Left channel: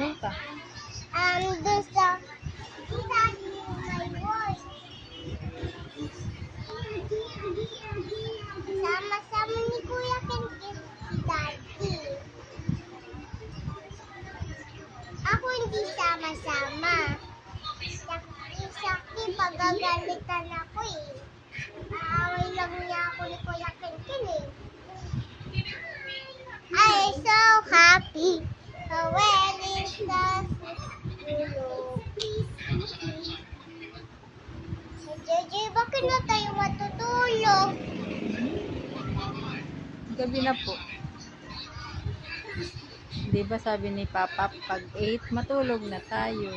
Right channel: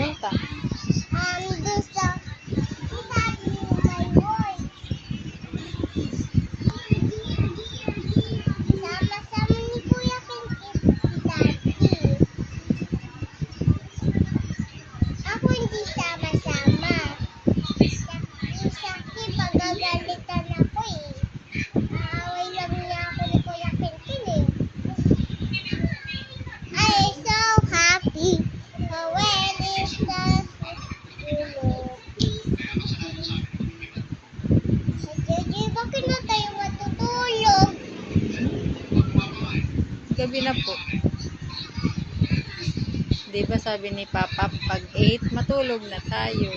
pumunta? Doon sa Daddy, my work. Sama-sama ni Kuya Kenken si Daddy. Ako hindi sama-sama. Yung sa akin, pagagalitan ako eh. Aaway lang niya ako ni Kuya Kenken eh. I'm so happy. When it's the Jeje, bakit na tayo matutulog? Gabi na po. Di ba sabi ni Papa, pag 8, matulog na tayo.